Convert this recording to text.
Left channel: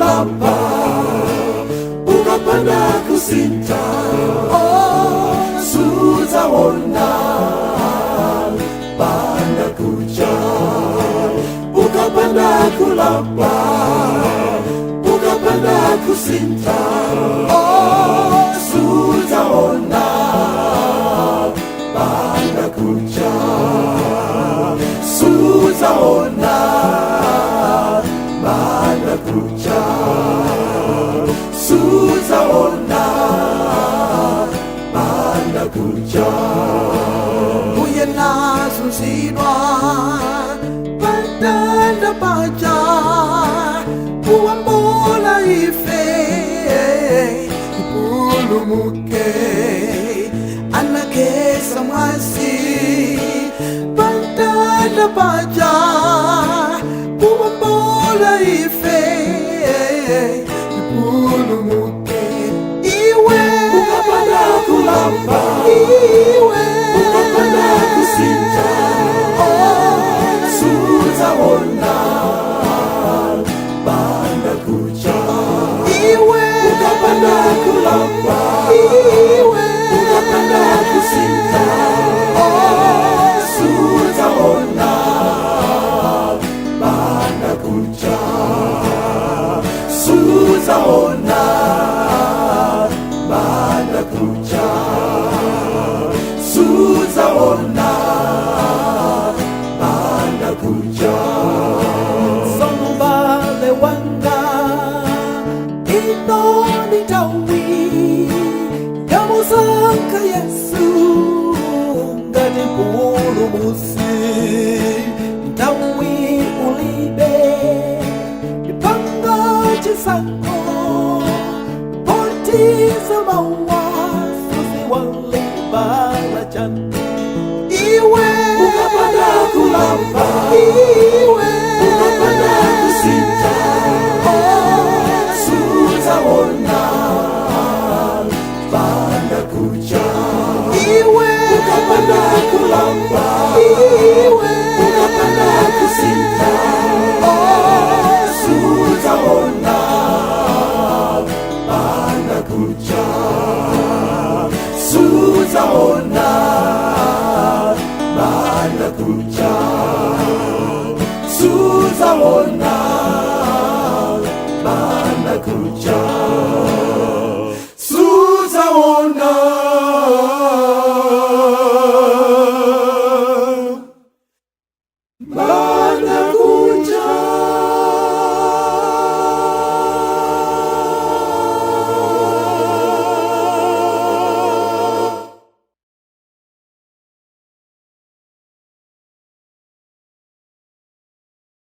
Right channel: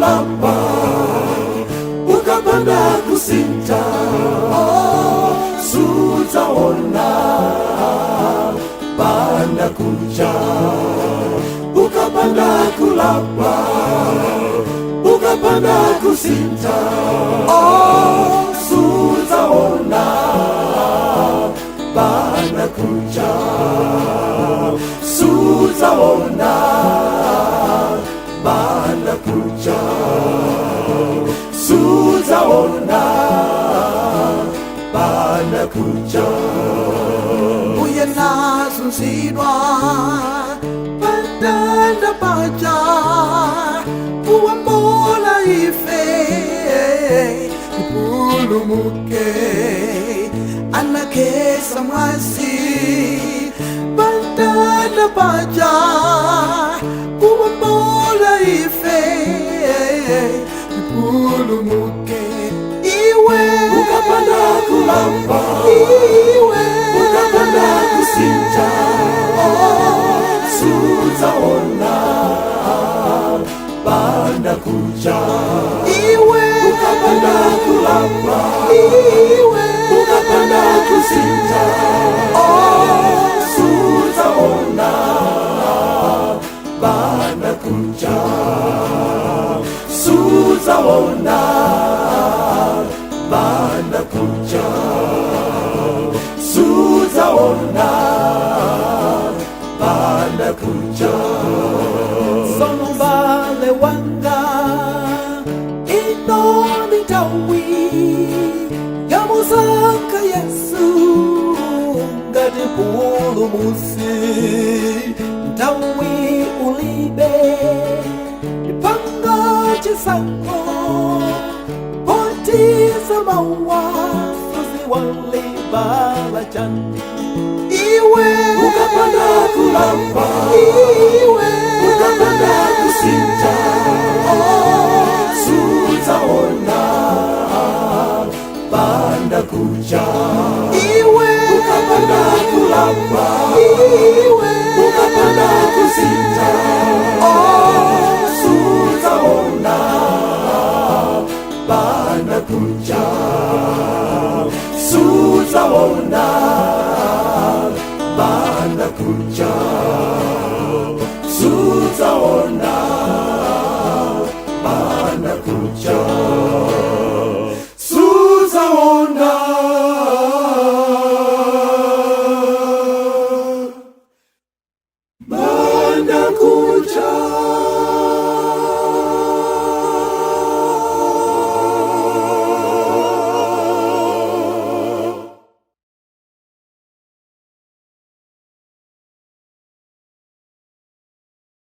kulapa, ukapanda kusinta, sutaona panda kuja. Ukapanda kulapa, ukapanda kusinta, sutaona panda kuja. Sutaona panda kuja. Sutaona panda kuja. Buya nasunsidwa patanda paja, uambola ife ipulumuke, anakesa mwasi patanda paja, uambola ife ipulumuke. Iwe ukapanda kulapa, iwe ukapanda kusinta, sutaona panda kuja. Iwe ukapanda kulapa, iwe ukapanda kusinta, sutaona panda kuja. Sutaona panda kuja. Sutaona panda kuja. Sono vale wanga ino nitawi, yamusaka Yesu ngati pulumusi. Ntawi ulibe ipanga chisako, potiza mawazo ziwalibala chani. Iwe ukapanda kulapa, iwe ukapanda kusinta, sutaona panda kuja. Iwe ukapanda kulapa, iwe ukapanda kusinta, sutaona panda kuja. Sutaona panda kuja. Sutaona panda kuja. Sutaona panda kuja.